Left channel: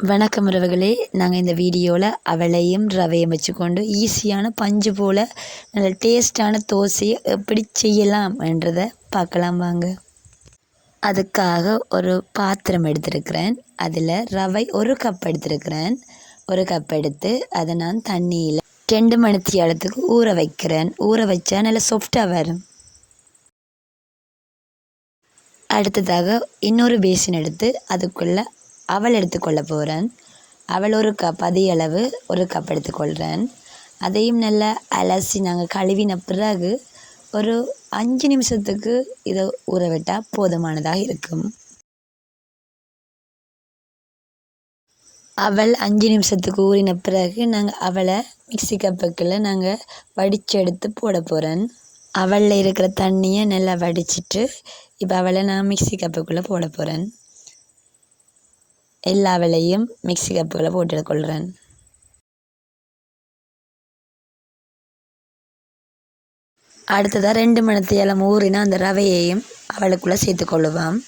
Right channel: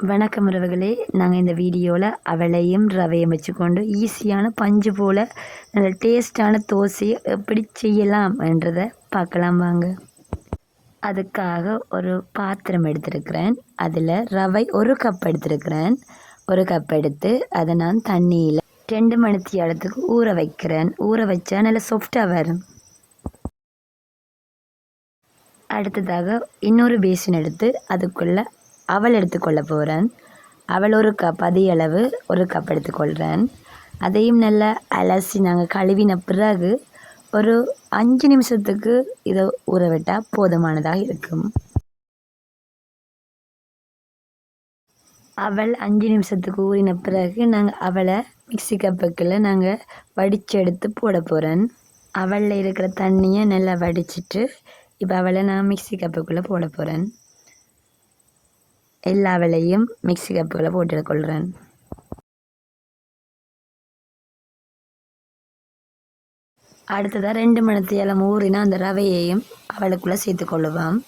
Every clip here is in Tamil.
வணக்கம் உறவுகளே, நாங்கள் இந்த வீடியோவில் அவளையும் ரவையும் வச்சுக்கொண்டு ஈஸியான பஞ்சு போல் நல்ல டேஸ்டான தோசையை எப்படி செய்யலாம் என்றதை பார்க்கலாம் வாங்க. அதுக்காக ஒரு பாத்திரம் எடுத்திருக்கிறேன். அதில் ரவை 1 கப் எடுத்திருக்கிறேன். 1 கப் எடுத்து அதை நான் தண்ணியில் 2 மணித்தியாலத்துக்கு ஊற வைக்கிறேன். ஊற வச்சா நல்லா சாஃப்டாக வரும். அடுத்ததாக இன்னொரு பேசின் எடுத்து அதுக்குள்ளே அவல் எடுத்துக்கொள்ள போகிறேன். அவல் 1 கப், அதே அளவு 1 கப் எடுத்துக்கொள்கிறேன். அதையும் நல்லா அலசி நாங்கள் கழுவின பிறகு ஒரு 5 நிமிஷத்துக்கு இதை ஊற விட்டால் போதுமானதாக இருக்கும். அவல் 5 நிமிஷத்துக்கு ஊறின பிறகு நாங்கள் அவலை மிக்சி கப்புக்குள்ள நாங்கள் வடித்து எடுத்து போட போகிறேன். அவலில் இருக்கிற தண்ணியை நல்லா வடிச்சிட்டு இப்போ அவலை நான் மிக்சி கப்புக்குள்ளே போட போகிறேன். எல்லா அவலையும் மிக்சி கப்புக்குள்ளே போட்டுக்கொள்கிறேன். அடுத்ததாக 2 மணித்தியாலம் ஊறினா அந்த ரவையையும் அவளுக்குள்ளே சேர்த்துக்கொள்ளுவான்.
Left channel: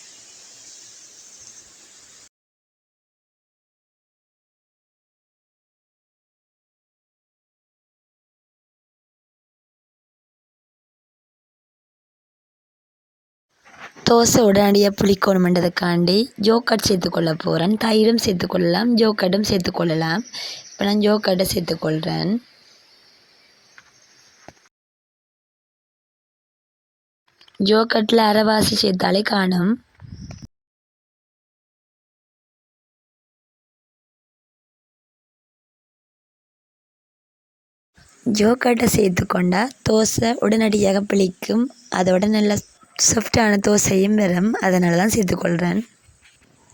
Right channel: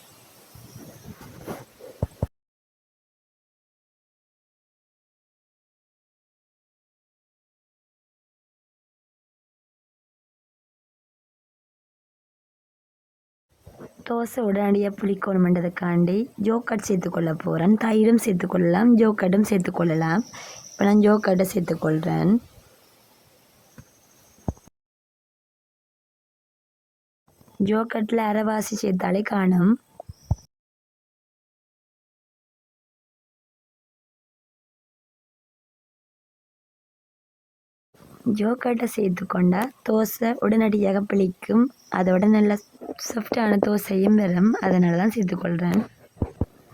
தோசை உடனடியாக புளிக்கணுமென்றதுக்காண்டி ஜோக்கட் சேர்த்துக்கொள்ள போகிறேன். தயிரும் சேர்த்துக்கொள்ளலாம், ஜோக்கட்டும் சேர்த்துக்கொள்ளலாம். இப்போ நான் ஜோக்கட்டை சேர்த்துக்கொள்கிறேன். ஜோக்கட்டில் அரைவாசி சேர்த்தாலே காணும். ஜோக்கட்டை சேர்த்துக்கொண்டா தோசை உடனடியாக புளிக்கும். அதோட நல்ல சாஃப்டான தோசையும் வரும். அதனால தான் சேர்த்துக்கொள்கிறேன்.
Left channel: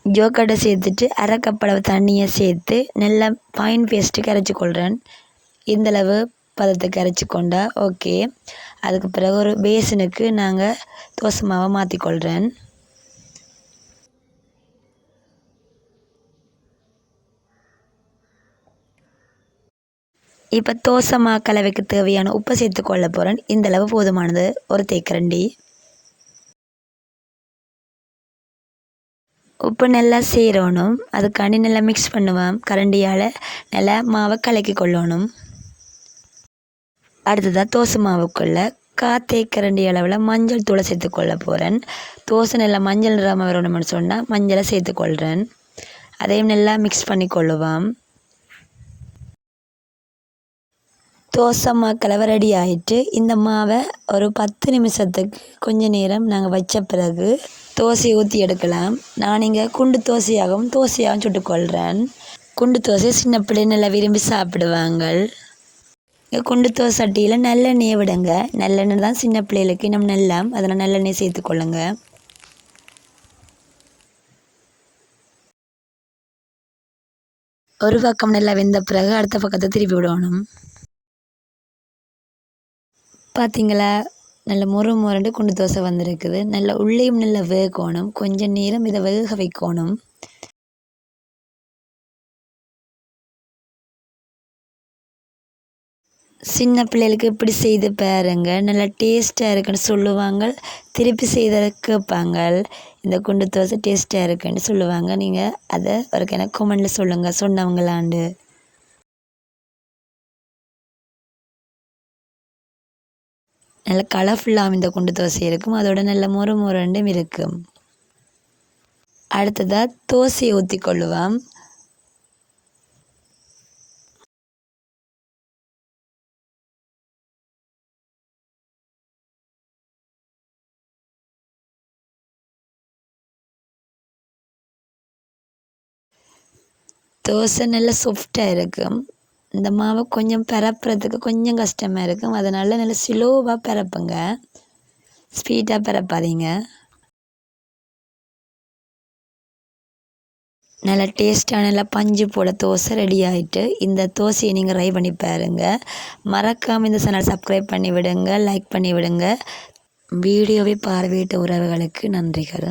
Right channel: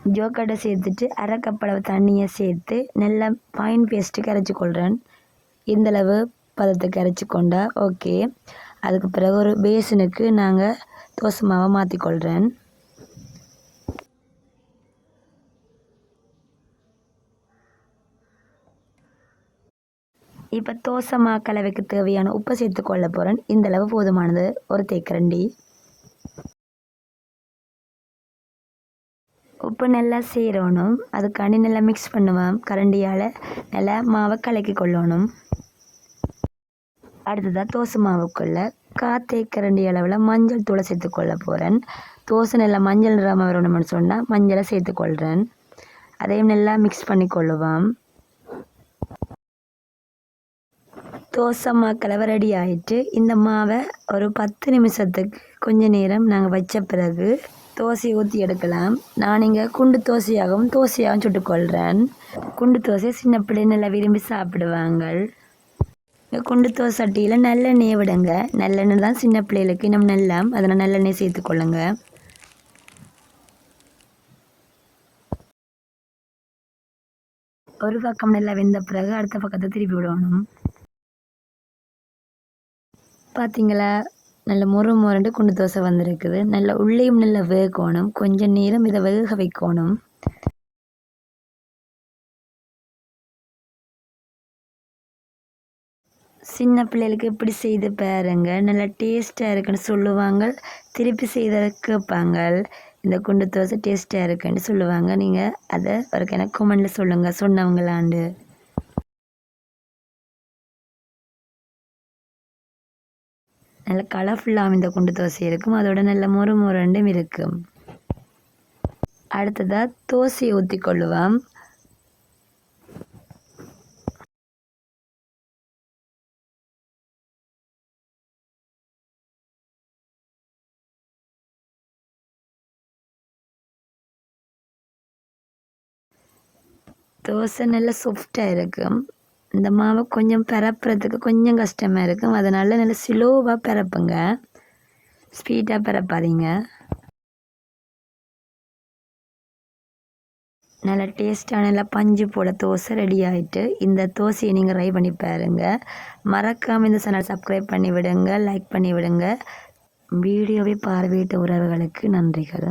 ஜோக்கட்டை சேர்த்துட்டு 1/2 கப் அளவு தண்ணியை சேர்த்து நல்லா ஃபைன் பேஸ்ட்டு கரைச்சிக்கொள்கிறேன். இந்தளவு பதத்துக்கு கரைச்சிக்கொண்டா ஓகே. அதுக்கு பிறகு ஒரு பேசனுக்கு நாங்கள் தோசை மாவை மாற்றிக்கொள்கிறேன். இப்போ தோசை மா கலவைக்கு தேவையான உப்பை சேர்த்துக்கொள்ள போகிறேன். இந்தளவு போதுமானது, ஒரு தேக்கரண்டி. உப்பு நல்லா சேரணும். அதுக்காண்டி நல்லா மிக்ஸ் பண்ணுவேன். கரண்டியால் நல்லா மாவை கலக்கி கொள்ளணும். அடுத்ததாக தோசை மாவுக்குள்ளே 1/4 தேக்கரண்டி அளவில் மஞ்சள் தூளை சேர்த்துக்கொள்ள போகிறேன். தோசை நல்லா மஞ்சள் நிறமாக வரணும்னு சொன்னால் மஞ்சளை சேர்த்துக்கொள்கிறேன். அதையும் நல்லா மிக்ஸ் பண்ணி கொள்ளுவேன். தோசை மா கலவை ரெடி ஆகிட்டு இந்த மாவை ஒரு 10 நிமிஷத்துக்கு கொஞ்ச நேரம் நாங்கள் வச்ச பிறகு தோசையை ஊற்றி எடுக்கலாம். நான் இங்கே குண்டு தோசையாகவும் சுட்டுக்கொள்கிறேன். குண்டு தோசை சின்ன பிள்ளை நல்லா விரும்பி சாப்பிடுவாங்க. குண்டு தோசை சட்டியில் நல்லெண்ணெய் விடுங்க. நல்லெண்ணெய் தான் சின்ன பிள்ளைகளுக்கு இன்னும் நல்லா, அதனால் நல்லெண்ணெய் சேர்த்துக்கொள்ளுங்க. ஒரு பக்கம் நல்லா வெந்த பிறகு அடுத்த பக்கத்தை திருப்பி விடணும். பார்த்தீங்களா, நல்ல முருண்டு குண்டு தோசை வந்திருக்குது. நல்ல உள்ளேயும் நல்லா வேகணும். கொஞ்சம் நேரம் இதை வேக வைக்கணும். சின்ன பிள்ளைகளுக்கு இப்படி செய்து பாருங்க, நல்லா டேஸ்ட்டாக இருக்குன்னு சொல்லுவாங்க. திருப்பி செய்த கேட்பாங்க, இந்த குண்டு தோசை டேஸ்ட்டாக இருக்குன்னு சொல்லுவாங்க. நீங்கள் அதை ஒரு எனக்கு கமெண்டில் சொல்லுங்கள், சொன்னவங்களாண்டு. நல்ல கலர்ஃபுல்லாக இந்த குண்டு தோசை இருக்கும். அதோட நல்ல முருண்டும் இருக்கும். அடுத்ததாக தோசையை ஊற்றி கொள்ளுவோம். தோசை நல்லா சாஃப்டாக இருக்கும். இந்த மாவை கொஞ்சம் பரப்புறதுக்கு கொஞ்சம் கஷ்டமாக இருக்கும். அதனால் நல்லா ஸ்லோவாக பரப்புங்க, ஸ்பீடாக பரப்பாதீங்க. நல்லா டேஸ்ட்டாக நல்லா பஞ்சு போல தோசை ரெடி ஆகிட்டு இந்த தோசையை நீங்கள் ட்ரை பண்ணி பாருங்கள். மறக்காமல் இந்த சேனல் சப்ஸ்கிரைப் பண்ணி விடுங்க, லைக் பண்ணி விடுங்க. வீடியோவை பார்வையிட்ட உறவுகளுக்கு நன்றிகள்.